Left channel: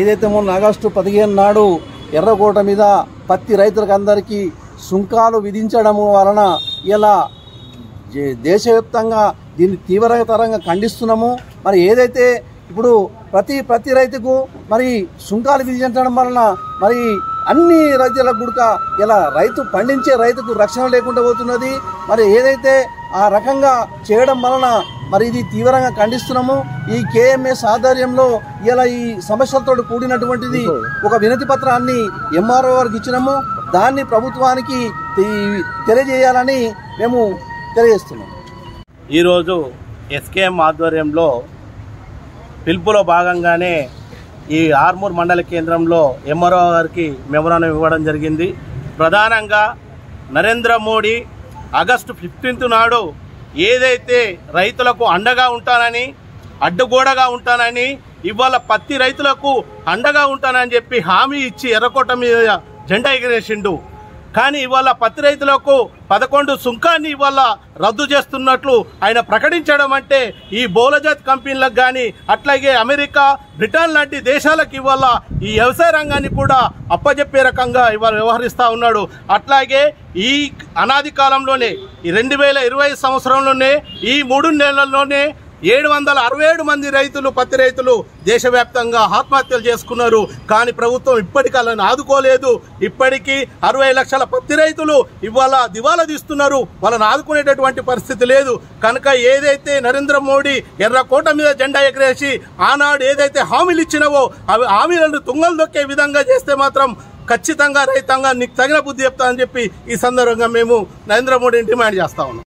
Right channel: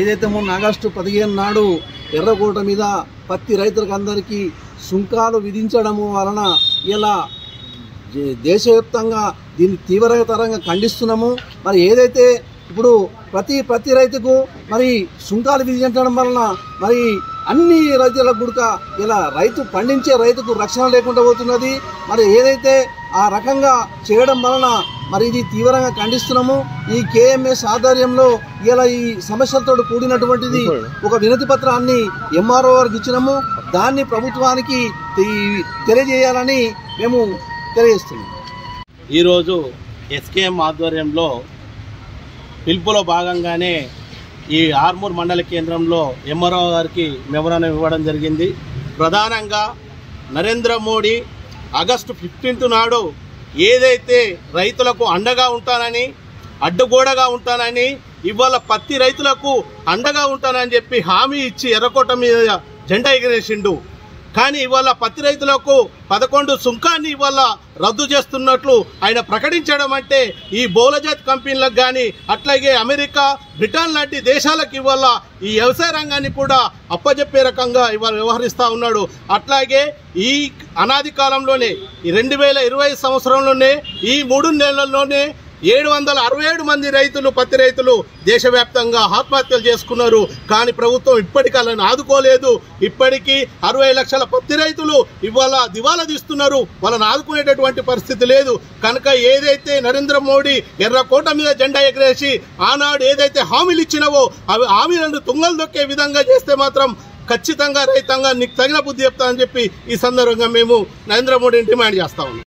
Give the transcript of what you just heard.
ఏదైతే మొన్న ఆగస్టు 15 నాడు ఎర్రకోట మీద పత్తి రైతులకు అందరికీ సుంకాలు విధించడము వలన ఇలా దేశవ్యాప్తంగా దీన్ని తీవ్రతరంగా ఖండిస్తున్నాము. మరి ఏదైతే ఇప్పుడు ప్రతి రైతుకు మరి సుంకాలు విధించడం వలన మరి అన్ని రైతులకు కూడా ఇలా రైతు పండించే రైతుకు రక్షణ లేకుండా పోతున్నది. మరి ఏదైతే ఆ రకంగా చేయడం వలన మరి ఇది తీవ్రంగా ఖండిస్తున్నాము. ఈ కేఎంఎస్ ఆధ్వర్యంలో ఇలా ఈ సమస్యలతో కూడినటువంటిది ఒక వినతి పత్రాన్ని ఎంఆర్ఓ గారికి ఇచ్చినాము. దాన్ని ప్రభుత్వానికి తెలియజేయాలని మేము తెలియజేస్తున్నాం. ఈరోజు ఎస్కేఎం ఆధ్వర్యంలో పిలుపులో భాగంగానే ఈ ఆర్మూర్ మండల కేంద్రంలో ఎంఆర్ఓ గారికి మెమోరాండం ఇవ్వడం జరిగింది. ప్రధానంగా నరేంద్ర మోడీ ఆగస్టు 15 నాడు ఏదైతే రైతులకు అండగా ఉంటానని అడ్డుగోడగా ఉంటానని ఇవాళ పత్తి రైతులకు అండగా ఉంటానని చెప్పి హామీ ఇచ్చి ఎర్రకోట మీద జెండా ఎగిరేసిండు. కానీ ఇవాళ పత్తి రైతులకు 11 సుంకాన్ని ఇవాళ రద్దు చేస్తున్నట్లు ఆయన ప్రకటించడం అంటే ఈ బహుళజాతి కంపెనీలకు కానీ అట్లాగే అమెరికా, బ్రిటన్ లాంటి దేశాలకు ఇవాళ ఈ వ్యవసాయ రంగాన్ని కూడా అప్పజెప్పే రకంగా ఇవాళ వ్యవహరిస్తూ ఉన్నాడు. అట్లాగే ఈ అనాది కాలంలోనే ఈ 2020 సంవత్సరంలోనే ఈ 3 నెలల్లోనే 767 మంది రైతులు పత్తి రైతులు దేశవ్యాప్తంగా ఆత్మహత్యలు చేసుకున్నారు. కానీ ప్రభుత్వం ఇప్పటికీ వాళ్ళని ఆదుకోలేదు. ఇప్పటికీ 60 లక్షల పత్తి రైతులు ఇవాళ దివాలా తీస్తున్నారు. వాళ్ళని ఆదుకునేటటువంటి పరిస్థితి లేదు. కనుక ఏదైతే నరేంద్ర మోడీ ఎర్రకోట మీద జెండా ఎగరేసి ఆనాడు ఏదైతే హామీలు ఇచ్చినవో అవి హామీలను తుంగలు దొక్కే విధంగా చేస్తే మాత్రం ఖచ్చితంగా రైతాంగా నీకు తగిన బుద్ధి చెప్తా అని చెప్పి ఈ సందర్భంగా మేము నరేంద్ర మోడీని డిమాండ్ చేస్తా ఉన్నాం.